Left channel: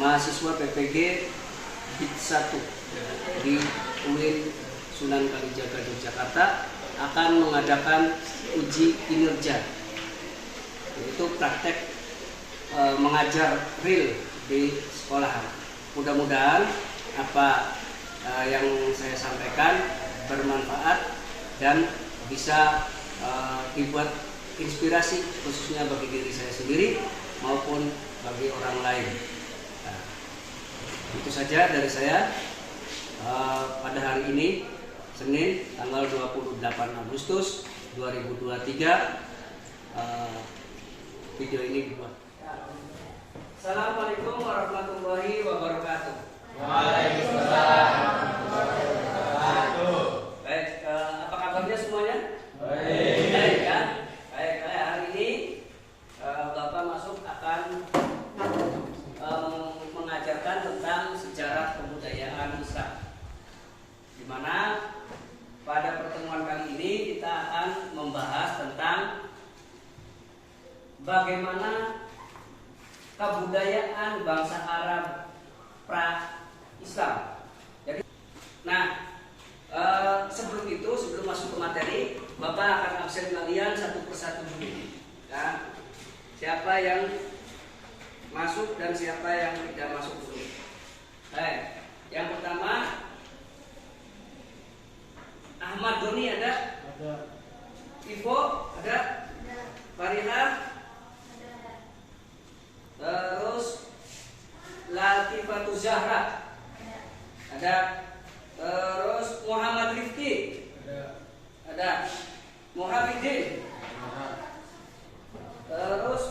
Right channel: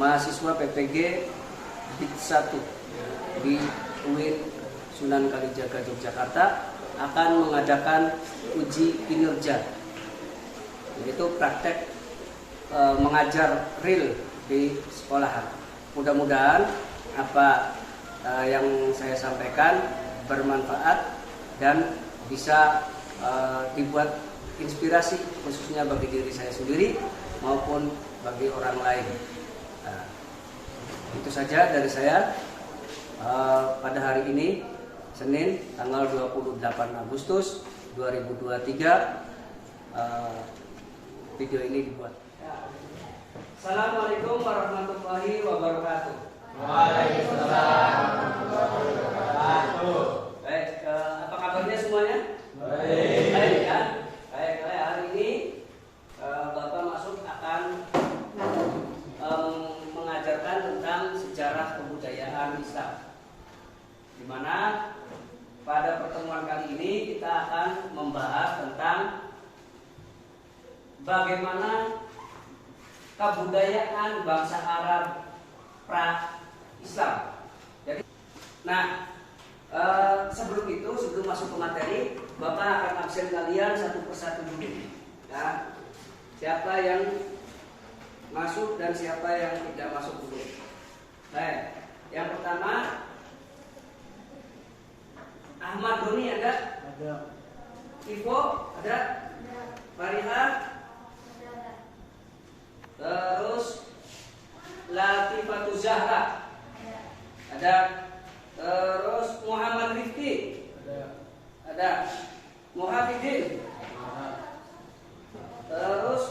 mahasiswa PPG BID 1 di UIN Sunan Kalijaga Yogyakarta akan mengadakan uji kinerja, yaitu praktek mengajar real di sekolahan. Mudah-mudahan apa yang saya sampaikan bermanfaat dan bisa dibuat inspirasi khususnya bagi diri saya sendiri maupun bagi orang lain. Nah, itu saja dari saya pada hari ini, Senin tanggal 28 Agustus 2023. Video ini dibuat. Assalamualaikum warahmatullahi wabarakatuh. Waalaikumsalam warahmatullahi wabarakatuh. Baik, apa kabarnya semuanya? Baik. Baik ya. Baik, hari ini Bapak masuk akan mengajarkan tentang sejarah kebudayaan Islam, di mana pada pertemuan kali ini kita akan membahas tentang bagaimana kebudayaan bangsa Arab pra-Islam. Jadi, sebelum itu, sebelum masuk ke materi, Bapak akan absen kalian satu persatu dulu. Nah, siapa yang masuk dan siapa yang tidak masuk dulu. Yang pertama, Ahmad Doni ada? Ada. Ivo ada? Fariha? Terus Latifatu Zahra ada. Terus Muhammad Rifki ada. Muhafidin terus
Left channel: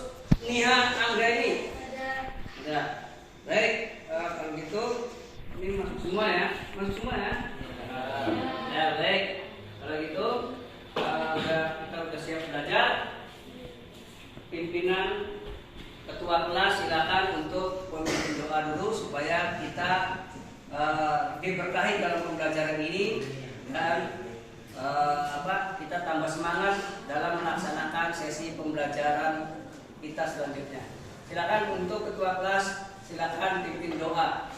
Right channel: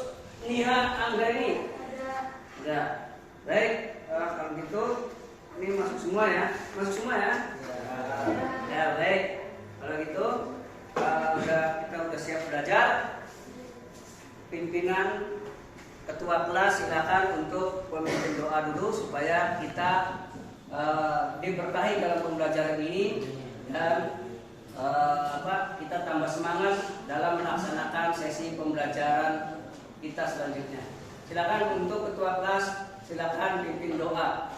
Niha Anggreni ada. Baik, kalau gitu ini masuk semua ya, ya baik. Kalau gitu kita udah siap belajar. Pimpinan Ketua kelas silakan untuk memimpin doa dulu supaya kita diberkahi dalam pembelajaran ini dan kita tambah semangat dalam melaksanakan sesi pembelajaran kita selanjutnya. Silakan untuk Ketua kelas, silakan pimpin doa.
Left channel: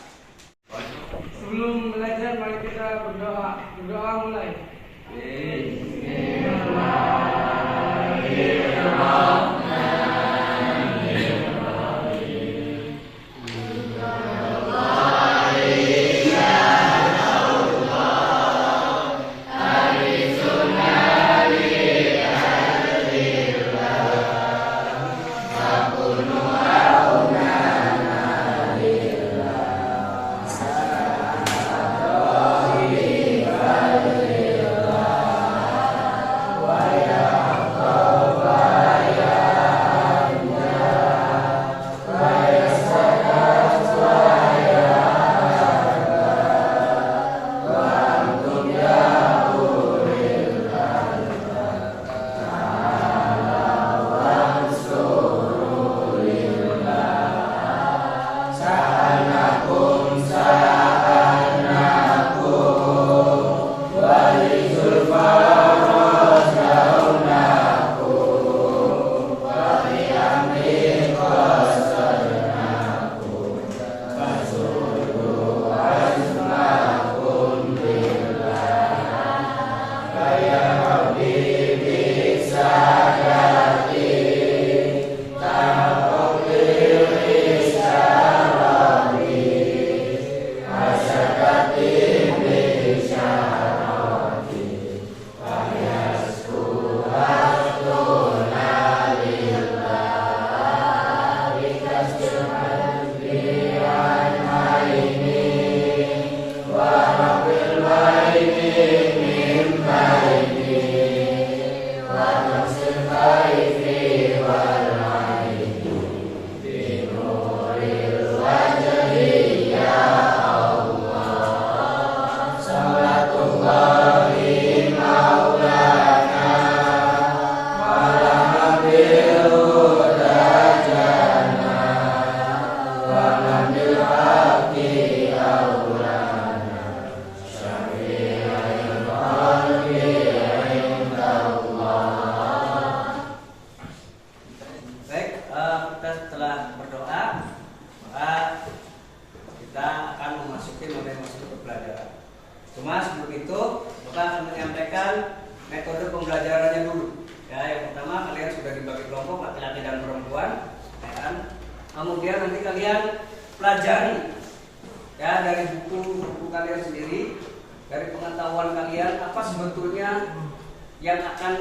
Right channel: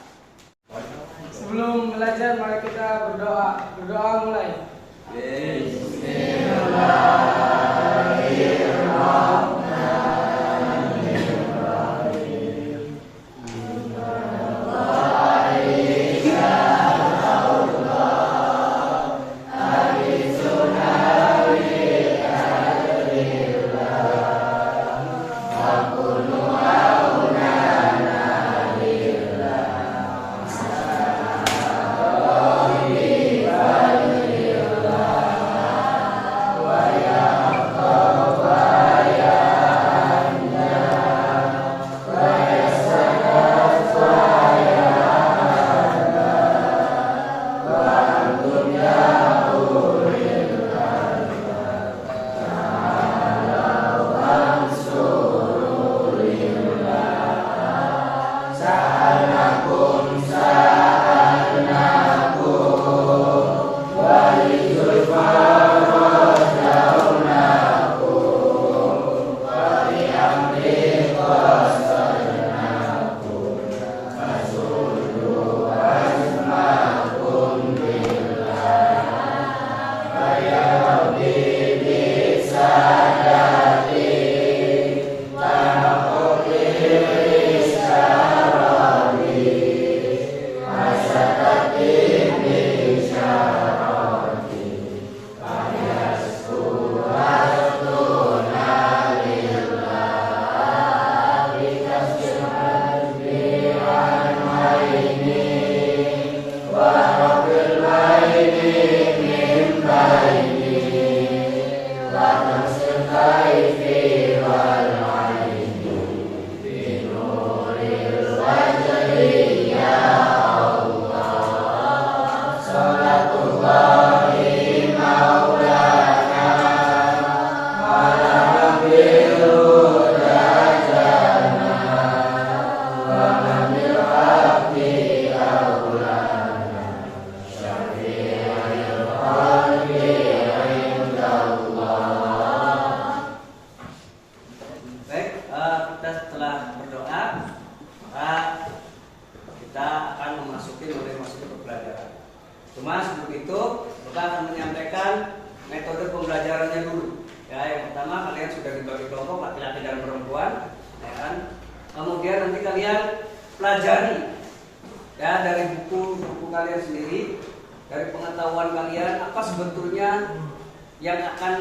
Sebelum belajar mari kita berdoa. Berdoa mulai. Bismillahirrahmanirrahim. Bapak akan menyampaikan metode pembelajarannya dulu. Ya, yang pertama kalian sudah dibagi kelompok laki-laki dan perempuan, ya kan? Kemudian nanti kalian pelajari ya dari buku kalian sendiri, dari pengetahuan kalian apa sebetulnya yang akan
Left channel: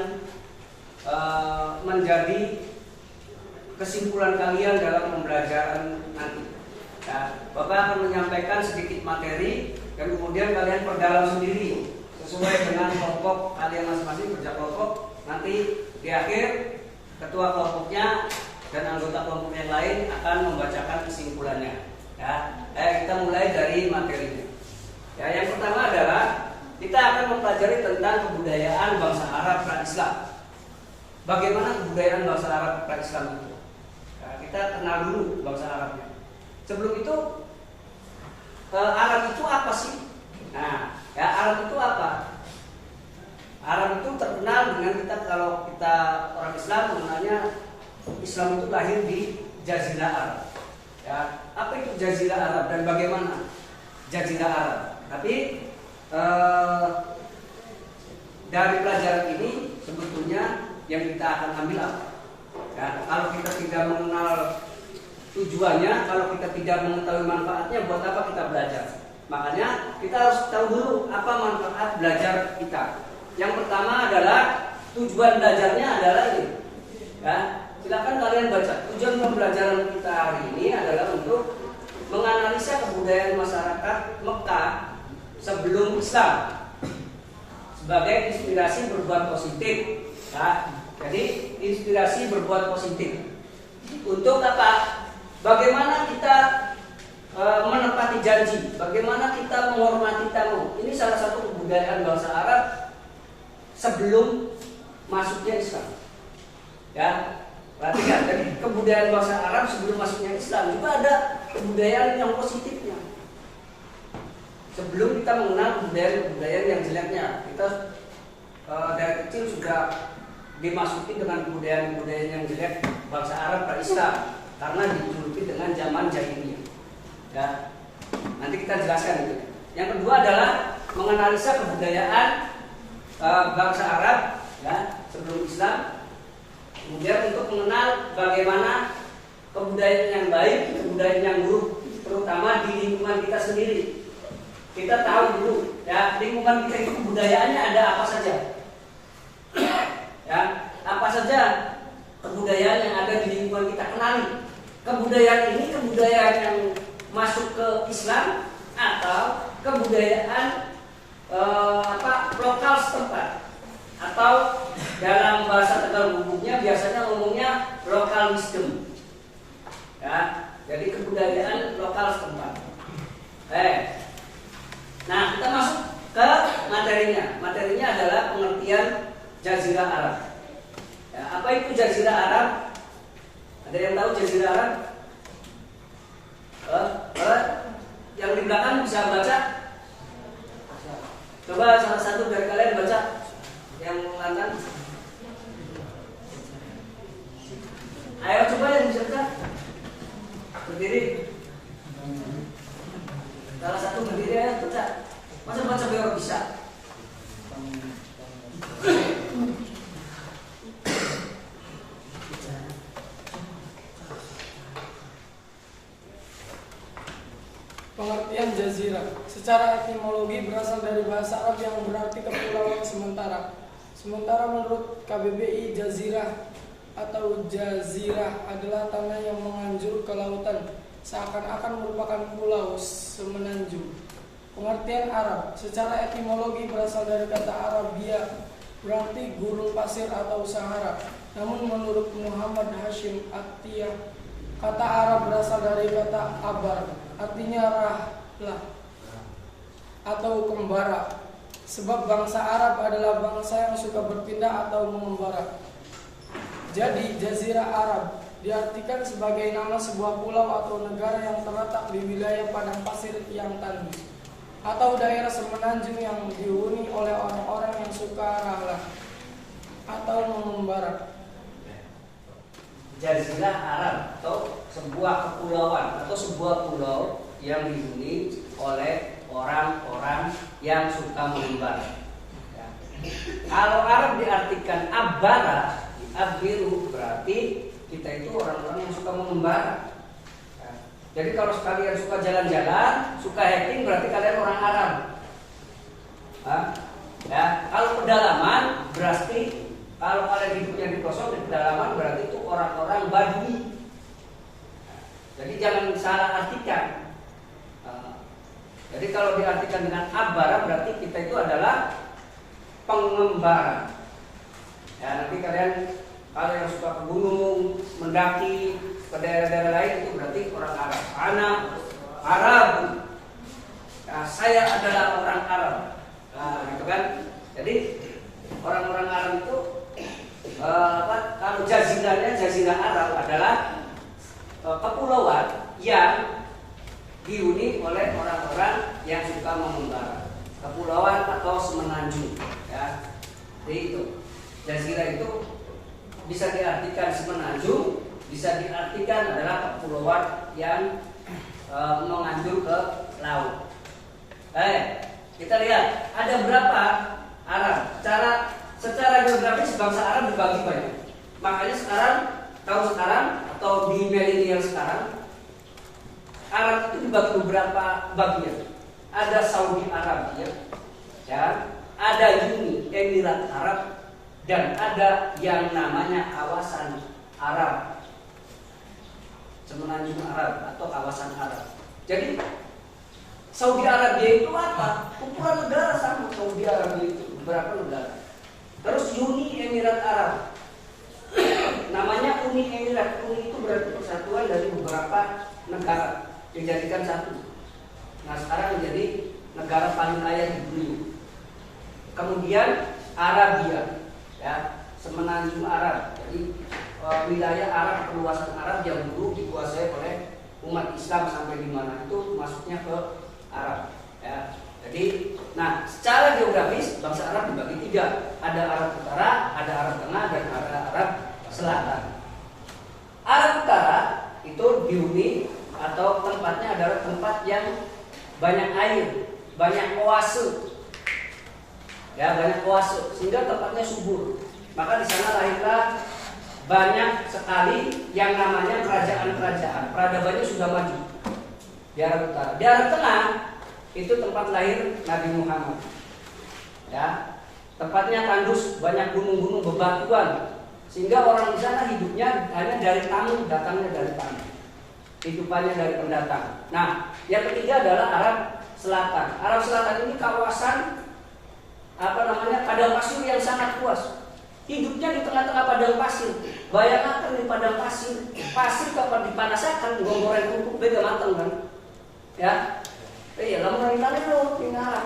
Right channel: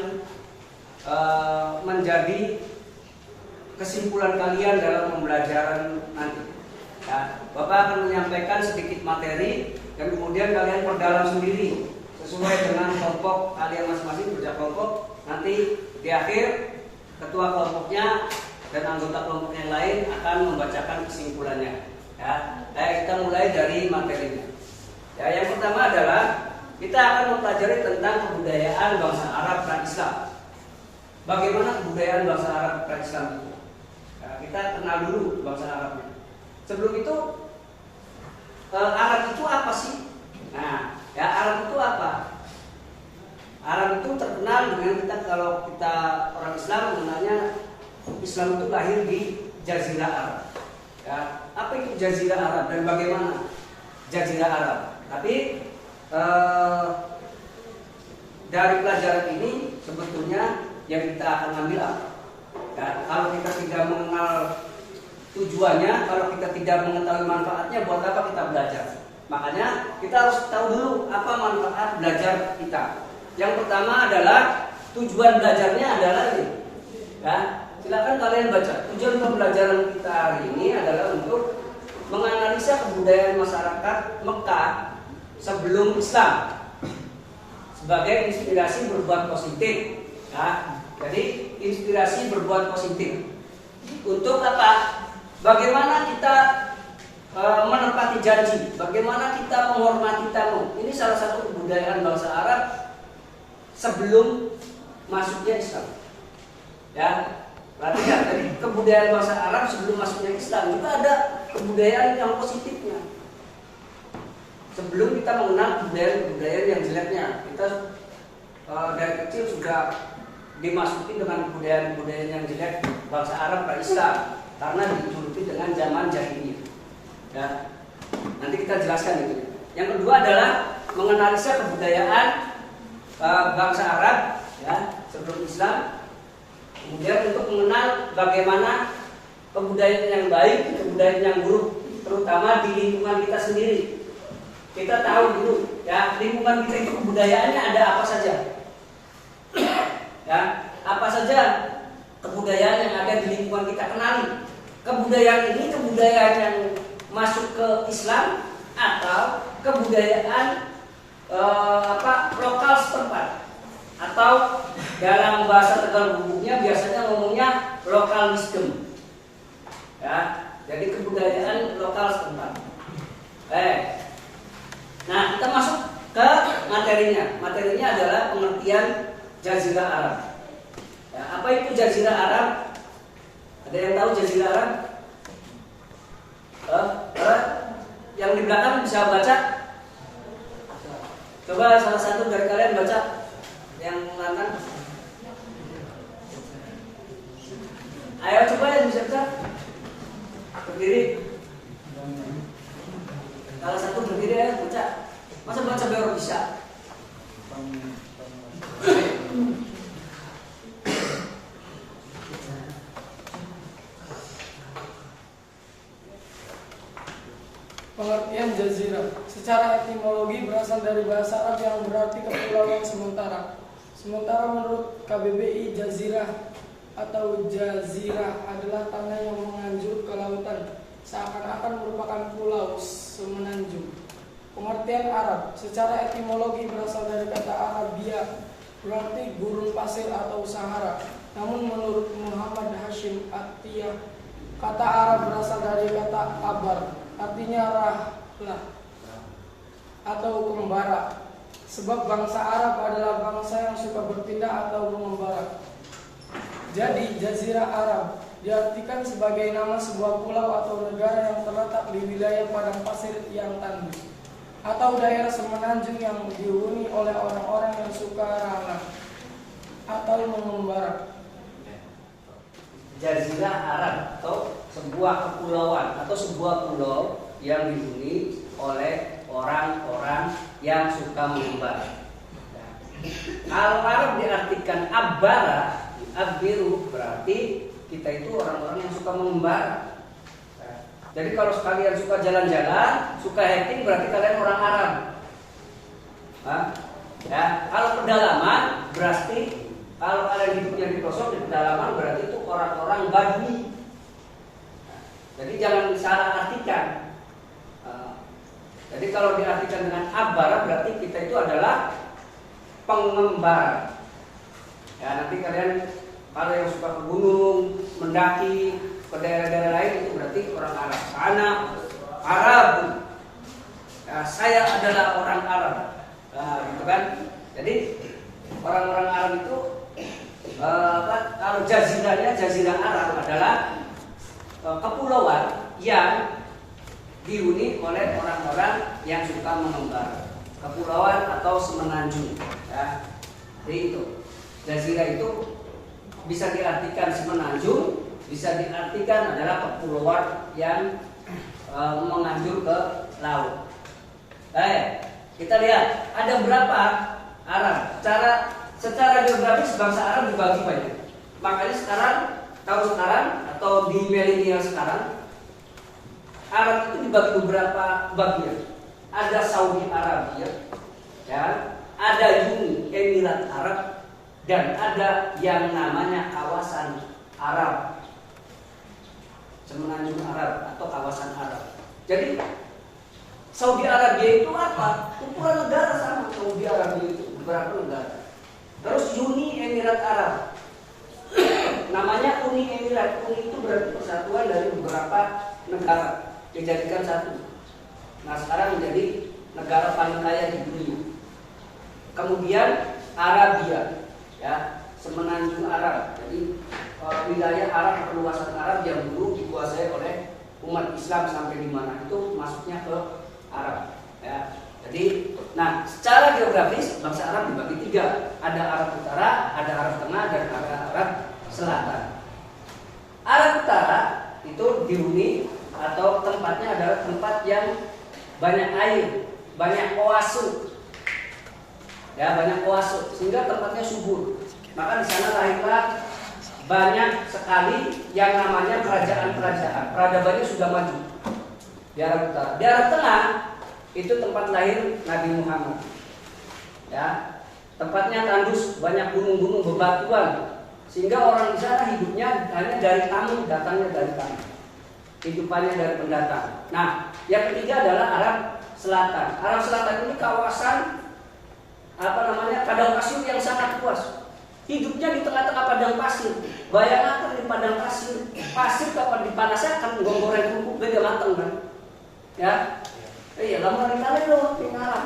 menjadi kesimpulan kalian dalam pembelajaran nanti. Ya, Bapak akan menyampaikan sedikit materi yang kemudian kalian perdalam sendiri sesuai dengan kelompok kalian masing-masing kerja kelompok. Nanti di akhir ketua kelompoknya dan anggota kelompok yang lain akan membacakan kesimpulannya. Ya, kita mulai dari materinya. Ya, yang pertama adalah kita akan mempelajari tentang kebudayaan bangsa Arab pra-Islam. Bagaimana kebudayaan bangsa Arab pra-Islam itu? Ya, kita kenal dulu bangsa Arabnya. Sebelum itu, Arab itu apa sih? Nah, ya Arab itu apa? Arab itu terkenal dengan kalau kita orang Islam mengenalnya Islam itu lahir di Jazirah Arab. Ya, apa itu Jazirah Arab dan bagaimana Jazirah Arab? Tapi dari pelajaran ini sebetulnya yang kita akan ambil apa? Ya, kalau kita tidak mengenal tujuannya, kalau kita tidak mengetahui manfaatnya, buat apa kita belajar? Makanya kita harus tahu dulu apa manfaat belajar kita. Yang pertama adalah tujuan belajarnya adalah ini. Ya, silakan kalian baca. Tujuan pembelajaran kita hari ini adalah untuk menganalisa kebudayaan masyarakat Mekah sebelum Islam sebagai inspirasi berbuat positif. Ya, jadi inspirasi berbuat positif. Untuk apa? Bagaimana kita menepati janji, bagaimana kita menghormati tamu. Ini salah satu kebudayaan bangsa Arab sebelum masuknya Islam. Ya, perhatikan tadi kebudayaan bangsa Arab sebelum masuknya Islam juga ada kebudayaan yang positifnya. Sebelum kita mengenal kebudayaan yang jeleknya, kita dari kecil sudah dimasuki dengan kebudayaan yang jelek bangsa Arab ke Islam karena dijuluki dengan zaman jahiliyah. Ya, nanti kita jelaskan ini. Yang kedua adalah menganalisa kebudayaan bangsa Arab ya sebelum Islam. Kemudian untuk mengenal bagaimana kebudayaan yang baik, kebudayaan yang buruk, terutama di lingkungan kita sendiri. Kita tahu dulu ya lingkungan kita itu kebudayaannya ada apa saja. Ya, apa saja kebudayaan yang ada di lingkungan kita, kenali. Kebudayaan ini kebudayaan yang masuk ke Islam atau kebudayaan lokal setempat, atau dalam bahasa Tegal Bubuknya biasanya ngomongnya lokal wisdom. Ya, jadi kebudayaan lokal setempat. Nah, kita masuk ke materinya. Materinya adalah pengertian Jazirah Arab. Ya, apa itu Jazirah Arab? Ada yang tahu Jazirah Arab? Yang di belakang bisa baca? Coba salah satu dari kalian baca yang ngangkat. Ayo coba yang bisa baca. Berdiri. Salah satu berdiri ya baca. Masa baca baru bisa? Pengertian jazirah secara etimologi berasal dari bahasa Arab yang berarti kepulauan sementara. Sementara menurut KBBI, jazirah atau jazirah adalah tanah yang menganjur ke lautan, seakan-akan merupakan pulau semenanjung. Pengertian Arab secara etimologi berasal dari kata Arabia, berarti gurun pasir atau Sahara. Namun menurut Muhammad Hashim Atiyah, kata Arab berasal dari kata abar, artinya rahlah atau kembara. Sebab bangsa Arab adalah bangsa yang suka berpindah atau mengembara. Jadi Jazirah Arab diartikan sebagai nama sebuah pulau atau negara yang terletak di wilayah padang pasir yang tandus, atau daerah semenanjung yang dihuni oleh orang-orang yang suka rahlah atau mengembara. Jazirah Arab atau sebuah kepulauan atau sebuah pulau yang dihuni oleh orang-orang yang suka mengembara. Kalau Arab diartikan abbara, abbiru, berarti kita itu orang-orang yang suka mengembara. Jadi kalau sekalian suka jalan-jalan, suka hiking, berarti kalian orang Arab. Ya, kalau pedalaman berarti kalau kalian hidupnya di pelosok di pedalaman berarti itu orang-orang Badui. Jadi jangan salah artikan. Jadi kalau diartikan dengan abbara berarti kita itu adalah pengembara. Ya, nanti kalian kalau yang suka ke gunung, mendaki ke daerah-daerah lain itu berarti orang Arab. Ana Arab. Nah, saya adalah orang Arab. Nah, gitu kan. Jadi orang-orang Arab itu kalau jazirah Arab adalah kepulauan yang dihuni oleh orang-orang yang suka mengembara. Kepulauan atau semenanjung, ya. Jadi itu jazirah itu bisa diartikan semenanjung, bisa diartikan adalah kepulauan yang menganjur ke laut. Kita lihat ada berapa Arab. Secara geografis bangsa Arab dibagi banyak. Makanya tahun sekarang atau di milenial sekarang Arab itu dibagi beberapa bagian. Ada Saudi Arabia, ya, ada Uni Emirat Arab, dan ada yang namanya kawasan Arab, semenanjung Arab atau kawasan Arab. Jadi Saudi Arabia itu apa? Kumpulan negara sama. Saudi Arabia itu beberapa negara. Terus Uni Emirat Arab, namanya Uni Emirat. Uni itu berarti persatuan dari beberapa negara dijadikan satu. Nah sekarang menjadi negara paling kaya di dunia. Kemudian Arabia, ya, semenanjung Arab. Jadi wilayah Arab, perluasan Arab yang dulu dikuasai oleh umat Islam sampai di mana itu masuknya ke Arab. Ya. Jadi, nah secara geografis bangsa Arab dibagi tiga. Ada Arab Utara, ada Arab Tengah, dan ada Arab Selatan. Arab Utara itu dihuni atau tempatnya adalah tempat yang banyak air, banyak oase, ya, banyak oase, sehingga tempatnya subur. Maka di sana lahirlah banyak sekali yang namanya kerajaan-kerajaan. Peradabannya sudah maju di Arab Utara. Di Arab Tengah itu tempat lahir Nabi Muhammad. Ya, tempatnya tandus, banyak gunung-gunung bebatuan, sehingga orang di sana hidupnya hanya dari tamu, datangnya dari tamu, hidupannya dari pendatang. Nah, yang ketiga adalah Arab Selatan. Arab Selatan ini kawasan padang pasir yang sangat luas. Hidupnya di tengah-tengah padang pasir. Bayangkan di padang pasir, pasir kapan dipanasakan, goreng kumpul beda matang kan? Ya, lama hari kali lo tinggalan.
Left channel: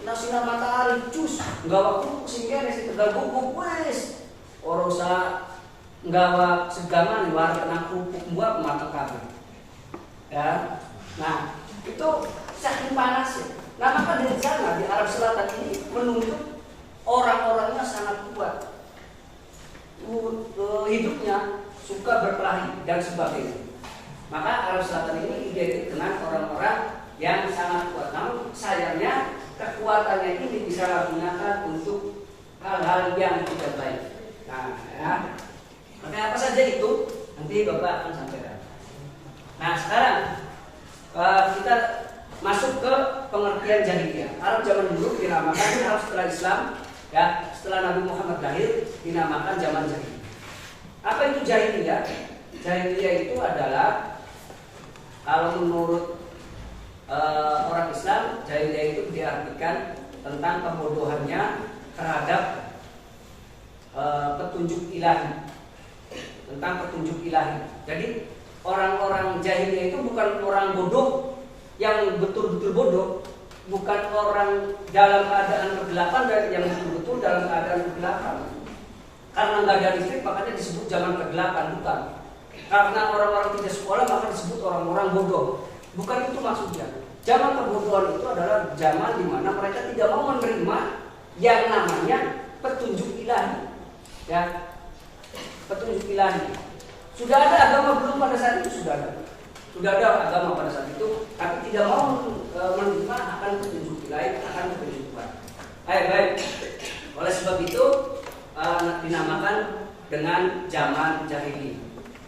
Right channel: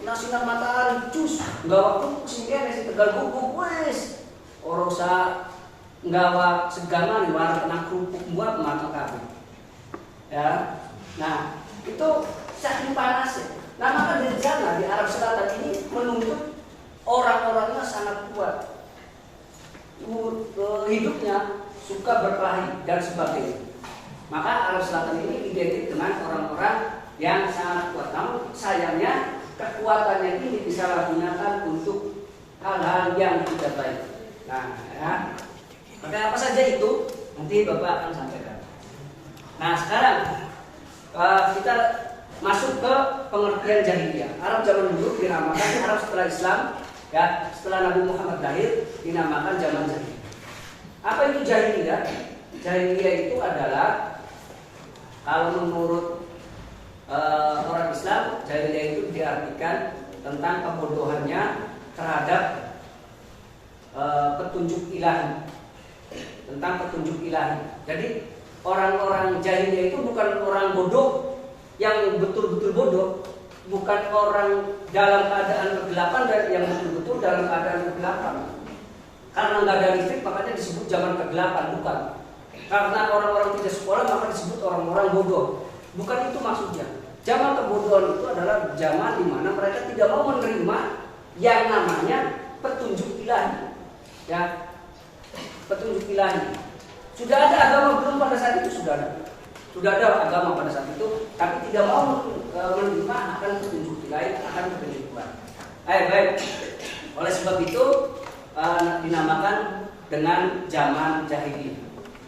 Kena sinar matahari, cus, nggawa kumpul sehingga nasi tegal kumpul, wes. Orosa nggawa segaman, war kena kerupuk buat matang kabeh. Ya, nah itu saking panasnya. Nah maka dari sana di Arab Selatan ini menuntut orang-orangnya sangat kuat, hidupnya suka berkelahi dan sebagainya. Maka Arab Selatan ini identik dengan orang-orang yang sangat kuat. Namun sayangnya kekuatannya ini disalahgunakan untuk hal-hal yang tidak baik. Nah, ya. Maka apa saja itu nanti Bapak akan sampaikan. Nah sekarang kita masuk ke pengertian jahiliyah. Arab zaman dulu dinamakan Arab setelah Islam, ya, setelah Nabi Muhammad lahir dinamakan zaman jahiliyah. Apa itu jahiliyah? Jahiliyah itu adalah kalau menurut orang Islam, jahiliyah itu diartikan tentang kebodohannya terhadap petunjuk ilahi, tentang petunjuk ilahi. Jadi orang-orang jahiliyah itu bukan orang bodoh yang betul-betul bodoh, bukan orang dalam keadaan kegelapan dan yang betul-betul dalam keadaan kegelapan. Karena nggak ada listrik makanya disebut zaman kegelapan, bukan. Karena orang-orang tidak sekolah maka disebut orang-orang bodoh. Bukan itu maksudnya. Zaman kebodohan itu adalah zaman di mana mereka tidak mau menerima yang namanya petunjuk ilahi. Ya, petunjuk ilahi. Sudah ada agama belum pada saat itu? Sudah ada. Sudah ada agama pada saat itu, tapi tidak mau menerima akan petunjuk ilahi, akan petunjuk Tuhan. Baik. Oleh sebab itu dinamakan dengan zaman jahiliyah.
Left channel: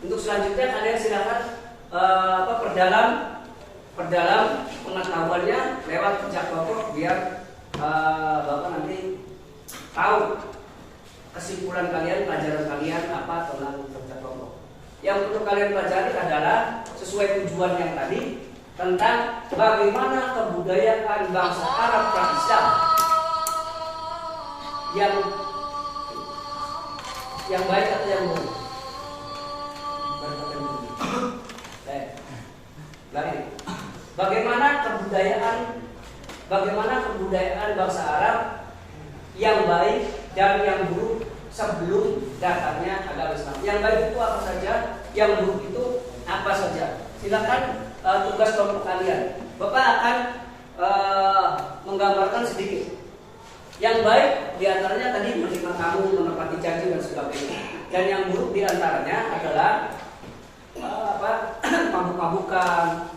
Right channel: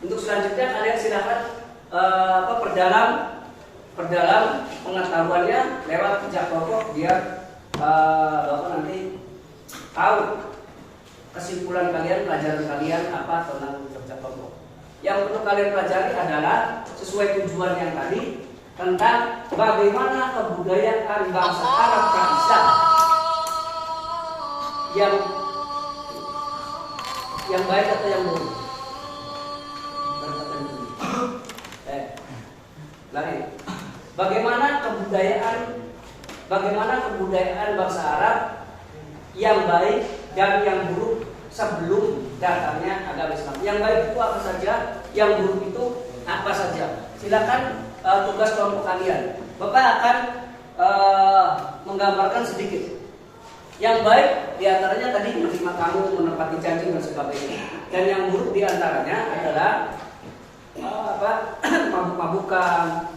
Untuk selanjutnya kalian silakan perdalam pengetahuannya lewat kerja kelompok biar Bapak nanti tahu kesimpulan kalian, pelajaran kalian apa tentang kerja kelompok. Yang perlu kalian pelajari adalah sesuai tujuan yang tadi tentang bagaimana kebudayaan bangsa Arab pra-Islam yang baik atau yang buruk. Lagi. Bagaimana kebudayaan bangsa Arab yang baik dan yang buruk sebelum datangnya agama Islam. Yang baik itu apa saja, yang buruk itu apa saja. Silakan tugas kelompok kalian. Bapak akan menggambarkan sedikit. Yang baik diantaranya tadi menerima tamu, menepati janji dan sebagainya. Dan yang buruk diantaranya adalah mabuk-mabukan,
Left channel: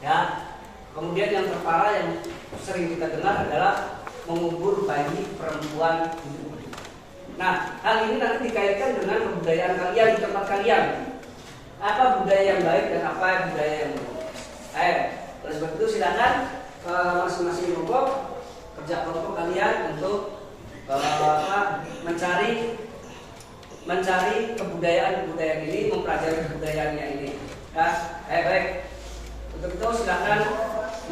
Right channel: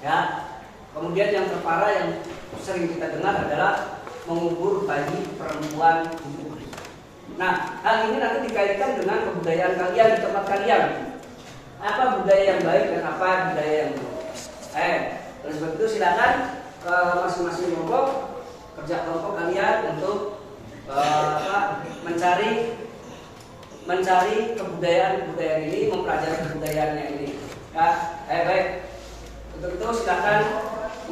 ya. Kemudian yang terparah yang sering kita dengar adalah mengubur bayi perempuan. Nah, hal ini nanti dikaitkan dengan kebudayaan kalian di tempat kalian. Apa budaya yang baik dan apa budaya yang buruk. Oleh sebab itu silakan ke masing-masing kelompok, kerja kelompok kalian untuk mencari kebudayaan ini, mempelajari kebudayaannya ini. Ya, baik. Untuk itu silakan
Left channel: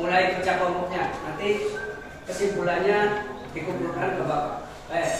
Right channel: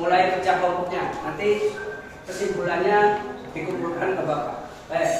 mulai kerja kelompoknya. Nanti kesimpulannya dikumpulkan ke Bapak. Baik.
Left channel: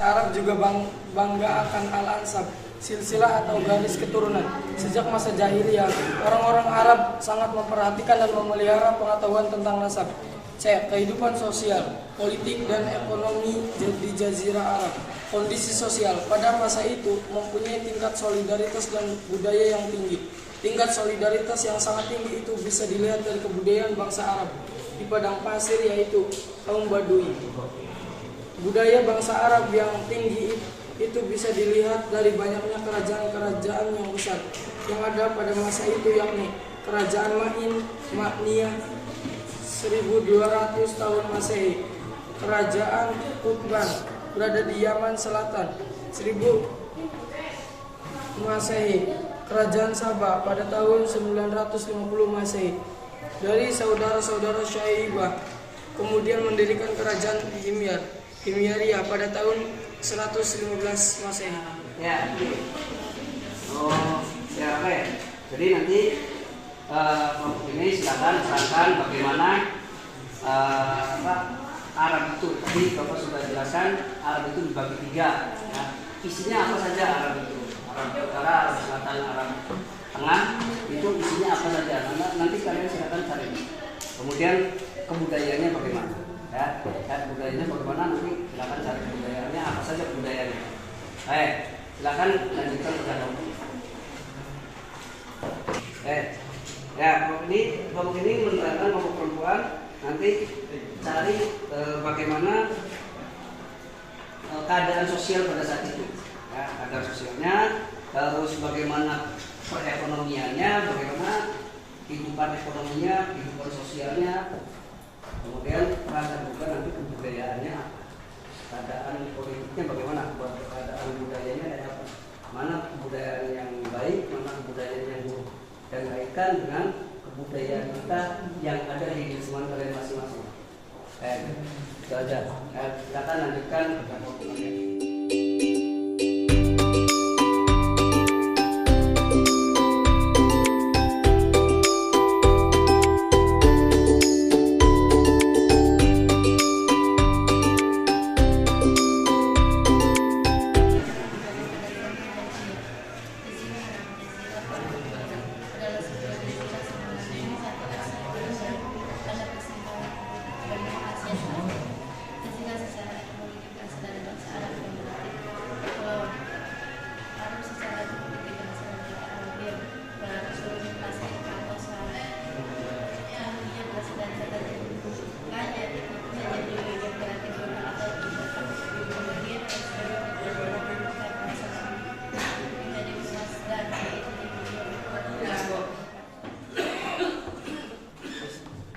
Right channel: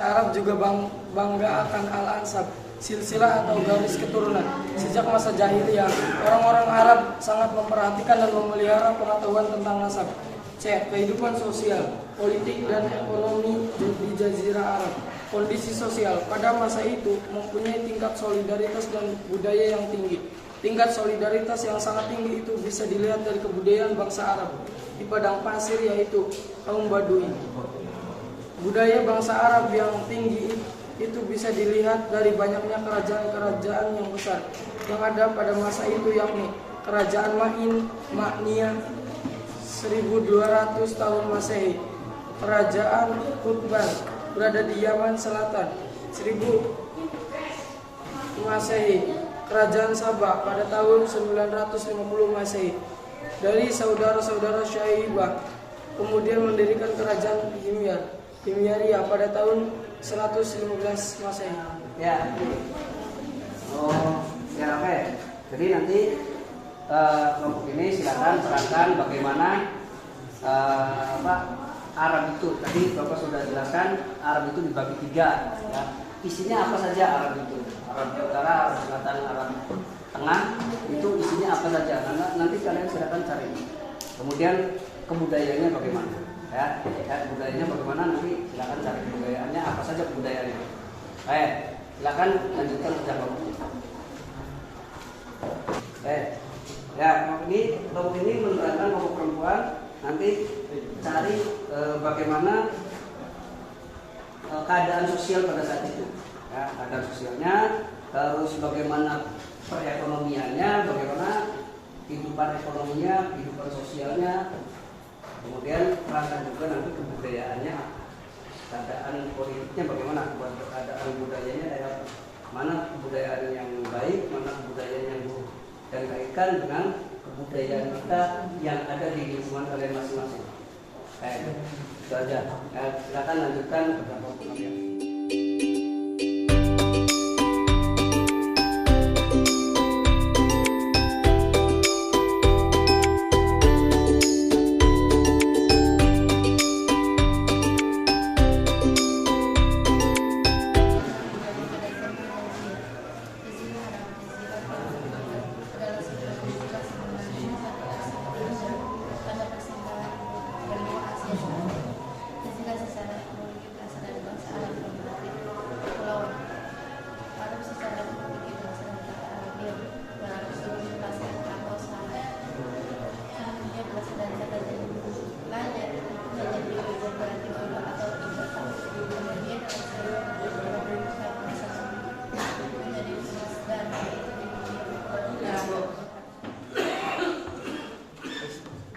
Arab juga bangga akan al-ansab, silsilah atau garis keturunan. Sejak masa jahiliyah, orang-orang Arab sangat memperhatikan dan memelihara pengetahuan tentang nasab. C. Kehidupan sosial, politik, dan ekonomi di Jazirah Arab. Kondisi sosial pada masa itu mempunyai tingkat solidaritas dan budaya yang tinggi. Tingkat solidaritas yang sangat tinggi itu bisa dilihat dari kebudayaan bangsa Arab di padang pasir, yaitu kaum Badui. Budaya bangsa Arab yang tinggi itu bisa dilihat dari banyaknya kerajaan-kerajaan yang besar yang ada pada masa itu, yakni Kerajaan Ma'niyah 1200 tahun Masehi, Kerajaan Qutban berada di Yaman Selatan 1000 Masehi, Kerajaan Sabah pada tahun 950 Masehi. Dari saudara-saudara Syaibah kemudian mendirikan Kerajaan Himyariya pada tahun 115 Masehi. Ya. Oh, ya oke. Jadi nanti kelompok ini silakan terangkan bagaimana Arab itu. Tadi Bapak sudah jelaskan Arab itu dibagi 3. Ya. Isinya apa saja Arab itu? Arab Utara, Arab Selatan, Arab Tengah. Itu isinya apa saja? Nanti kalian silakan cari. Kemudian kebudayaannya bagaimana? Ya, budayanya bagaimana, nanti silakan cari kebudayaannya apa saja kebudayaannya. Silakan lanjutkan kerja kelompok. Ya, kelompok ini menerangkan kelompok perempuan. Nanti cari bagaimana keadaan sosial pada saat itu. Ya, keadaan sosialnya, terus bagaimana perekonomiannya, bagaimana kehidupan ekonominya, kehidupan sosialnya. Kemudian terangkan juga nanti kebudayaannya apa, keadaan politiknya bagaimana, keadaan budayanya kayak apa, mana kebudayaan yang baik, mana kebudayaan yang buruk, dan kaitkan dengan kebudayaan kita yang ada di lingkungan kalian masing-masing. Itu aja. Silakan lanjutkan ke kelompok kalian.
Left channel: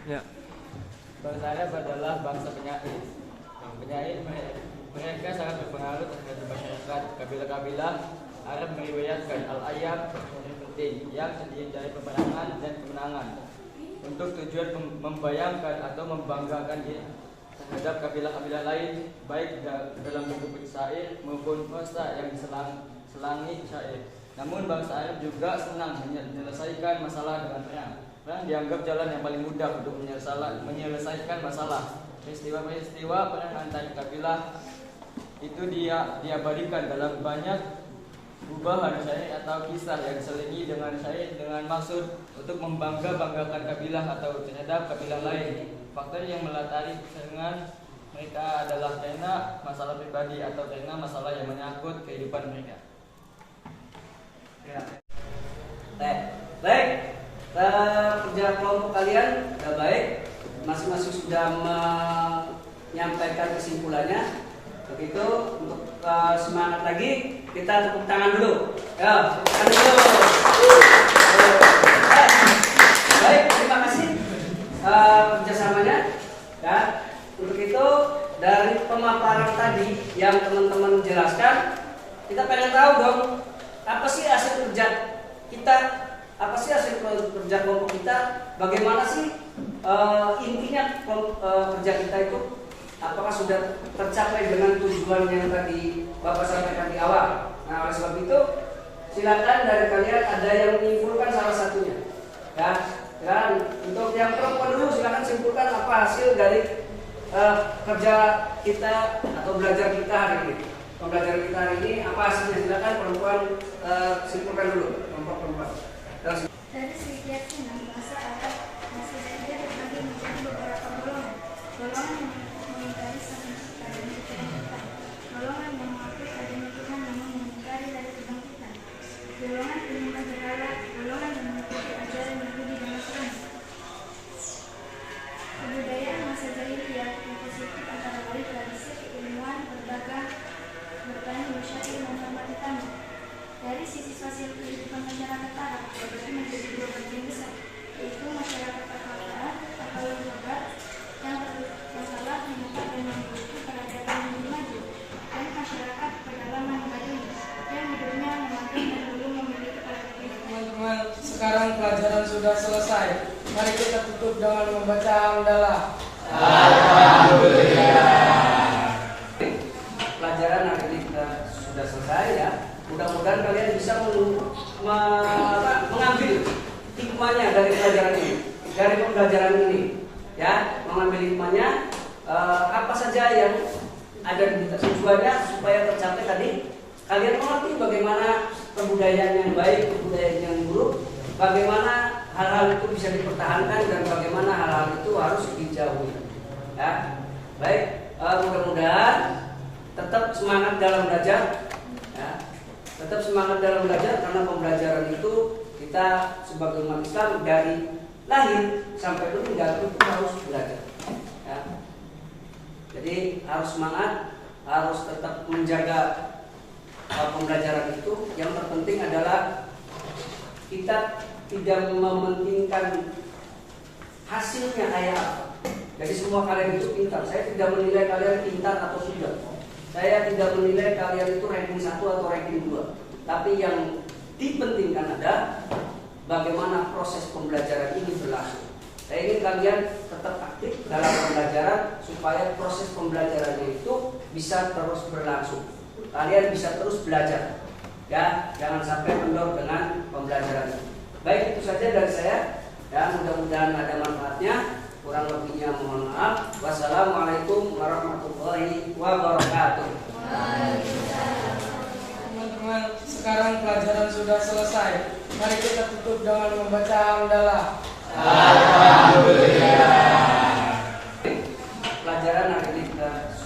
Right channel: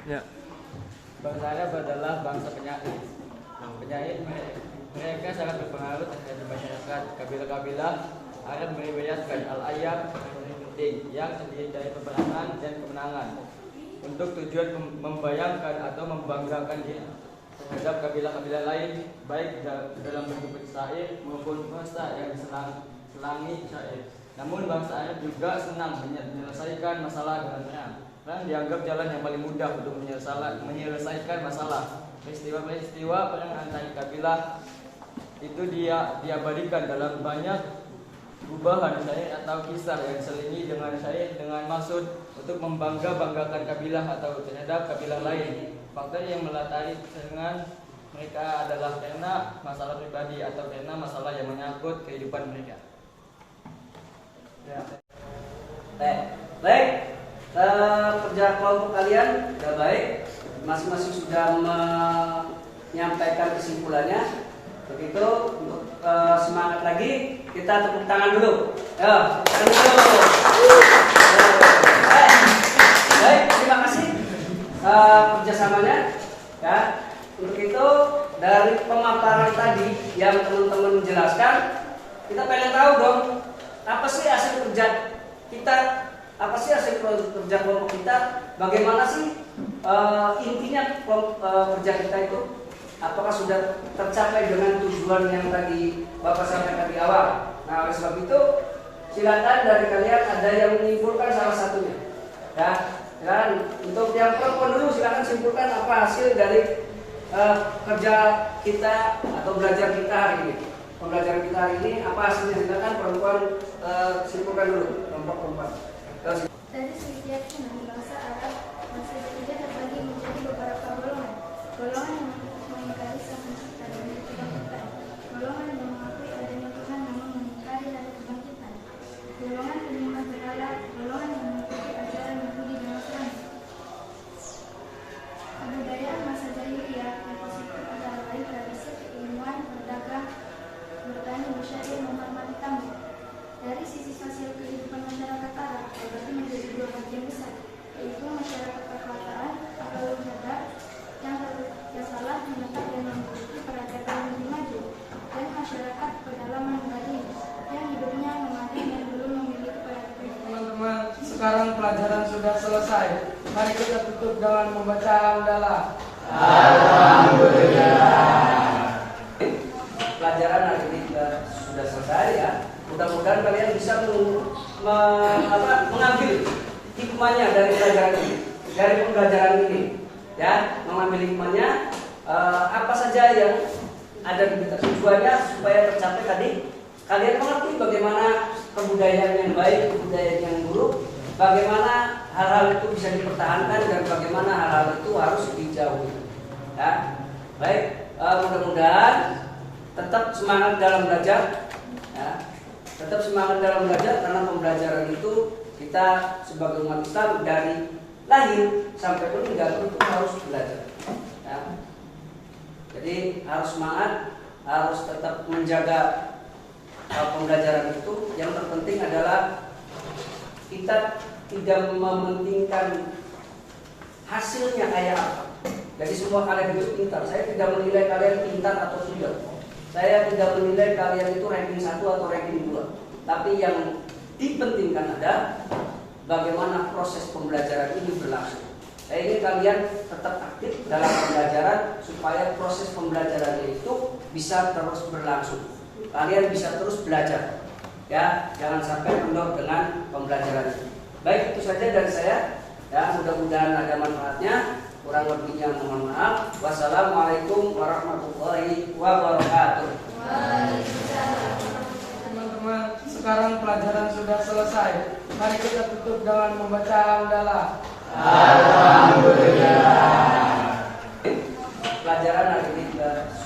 Ya. Bangsa Arab adalah bangsa penyair. Mereka sangat berpengaruh terhadap masyarakat. Kabilah-kabilah Arab meriwayatkan al-ayat yang terdiri dari peperangan dan kemenangan untuk tujuan membayangkan atau membanggakan diri terhadap kabilah-kabilah lain, baik dalam bentuk syair maupun prosa yang diselangi syair. Namun bangsa Arab juga senang menyelesaikan masalah dengan perang. Perang dianggap jalan yang paling mudah untuk menyelesaikan masalah. Peristiwa-peristiwa perang antar kabilah itu diabadikan dalam banyak gubahan syair atau kisah yang diselingi dengan syair dengan maksud untuk membanggakan kabilah atau terhadap kabilah lain. Faktor yang melatari kesenangan mereka adalah karena masalah pribadi atau karena masalah yang menyangkut kehidupan mereka. Ya. Baik. Kerja kelompok kalian sudah baik, masing-masing sudah menyampaikan kesimpulannya. Begitu, untuk semangat lagi kita tepuk tangan dulu. Ya, tepuk tangan dulu. Baik, terima kasih kerjasamanya. Ya, untuk itu dari pemaparan tadi yang teman-teman jelaskan, kita pengen tahu dong, apa sih hasil kerja kita? Apa sih hasil kerja kelompok kita? Bagaimana sih intinya kerja kita itu? Apakah sudah tercapai dengan tujuan yang tadi Bapak sampaikan di awal? Nah, oleh sebab itu silakan dari kalian ada yang menyimpulkan salah satunya. Ya, silakan. Untuk yang perempuan dulu silakan simpulkan apa hasil dari kerja kita atau belajar kita hari ini. pembelajaran kita hari ini. Apa hasilnya? Silakan perempuan simpulkan dulu. Kelompok perempuan. Dari segi keyakinan, bahasa Arab masih tidak terbagi menjadi beberapa golongan. Golongan yang mengingkari sang pencipta dan kebangkitan. Golongan yang mengakui adanya Tuhan namun mengingkari dari kebangkitan. Golongan penyembah berhala. Golongan yang mengikuti ajaran Yahudi dan Nasrani. Kebudayaan masa jahiliyah yang positif antara lain tradisi keilmuan, berdagang, bertani, bersyair, menghormati tamu. Dari sisi sosial kehidupan masyarakat Arab terbagi menjadi dua bagian besar, yaitu masyarakat perkotaan atau urban yang salah menetap dan memiliki peradaban yang maju, dan masyarakat pedalaman Badui yang hidupnya nomaden dan belum memiliki peradaban. Teman-teman, sekarang pelajaran sudah selesai. Mari kita tutup dengan membaca hamdalah. Pelajaran hari ini sudah selesai ya. Mudah-mudahan kalian bisa mengambil hikmahnya dari pelajaran ini, dari pembelajaran ini, ya, mengambil hikmahnya apa saja yang ada di kita. Tujuannya supaya tercapai tadi, kalian mengerti bagaimana kebudayaan yang baik, kebudayaan yang buruk, bagaimana hal-hal itu bisa dipertahankan dan bagaimana hal-hal itu harus dijauhi. Ya, baik, mudah-mudahan tetap semangat dalam belajar. Ya. Tetap semangat dalam belajar karena pembelajaran itu kita sebagai umat Islam dari lahir sampai meninggal itu harus belajar. Ya. Jadi harus semangat, harus tetap menjaga pembelajaran itu. Yang terpenting adalah kita tidak mementingkan hasilnya kayak apa. Jadi semua kalian itu pintar. Saya tidak menilai kalian pintar atau tidak. Saya tidak menilai kalian itu ranking 1 atau ranking 2. Tapi yang dipentingkan ada bagaimana proses pembelajaran ini berlangsung. Saya ingin kalian tetap aktif dalam pembelajaran supaya proses pembelajaran itu bisa terus berlangsung. Kalian bisa terus belajar. Ya, jangan sampai kendor dengan pembelajaran ini. Baik, itu saja dari saya. Ya, mudah-mudahan ada manfaatnya. Kurang lebihnya mohon maaf. Wassalamualaikum warahmatullahi wabarakatuh. Teman-teman, sekarang pelajaran sudah selesai. Mari kita tutup dengan membaca hamdalah. Pelajaran hari ini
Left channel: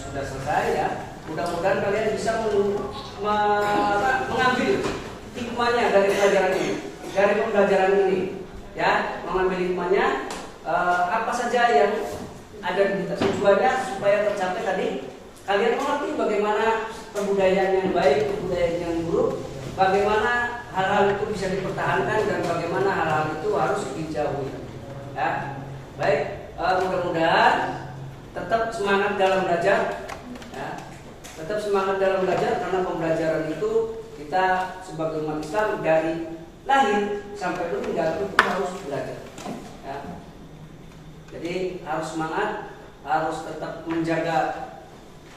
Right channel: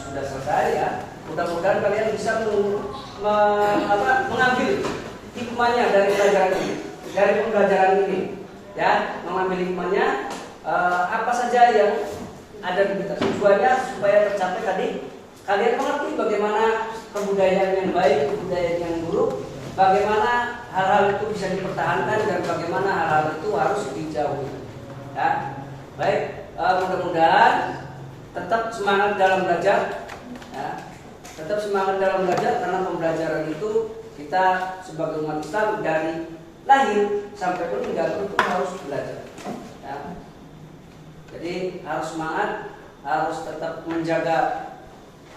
sudah selesai ya. Mudah-mudahan kalian bisa mengambil hikmahnya dari pelajaran ini, dari pembelajaran ini, ya, mengambil hikmahnya. Apa saja yang ada di kita. Tujuannya supaya tercapai tadi, kalian mengerti bagaimana kebudayaan yang baik, kebudayaan yang buruk, bagaimana hal-hal itu bisa dipertahankan dan bagaimana hal-hal itu harus dijauhi. Ya, baik, mudah-mudahan tetap semangat dalam belajar. Ya, tetap semangat dalam belajar karena pembelajaran itu kita sebagai umat Islam dari lahir sampai meninggal itu harus belajar. Ya. Jadi harus semangat, harus tetap menjaga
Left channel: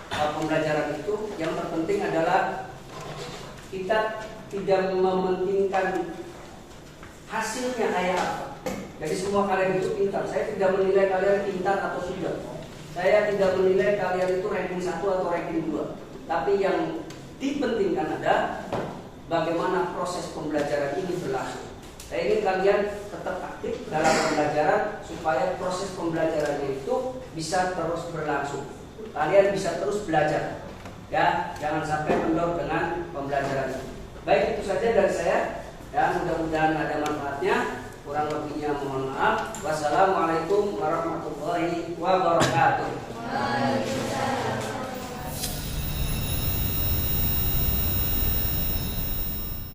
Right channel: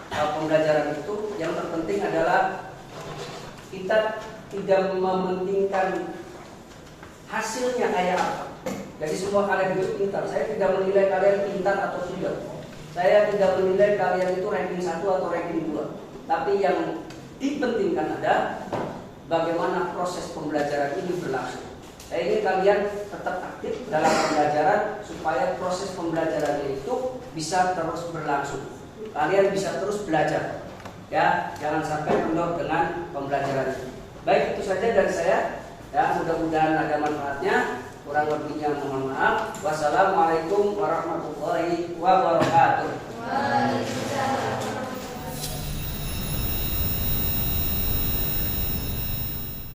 pembelajaran itu. Yang terpenting adalah kita tidak mementingkan hasilnya kayak apa. Jadi semua kalian itu pintar. Saya tidak menilai kalian pintar atau tidak. Saya tidak menilai kalian itu ranking 1 atau ranking 2. Tapi yang dipentingkan ada bagaimana proses pembelajaran ini berlangsung. Saya ingin kalian tetap aktif dalam pembelajaran supaya proses pembelajaran itu bisa terus berlangsung. Kalian bisa terus belajar. Ya, jangan sampai kendor dengan pembelajaran ini. Baik, itu saja dari saya. Ya, mudah-mudahan ada manfaatnya. Kurang lebihnya mohon maaf. Wassalamualaikum warahmatullahi wabarakatuh.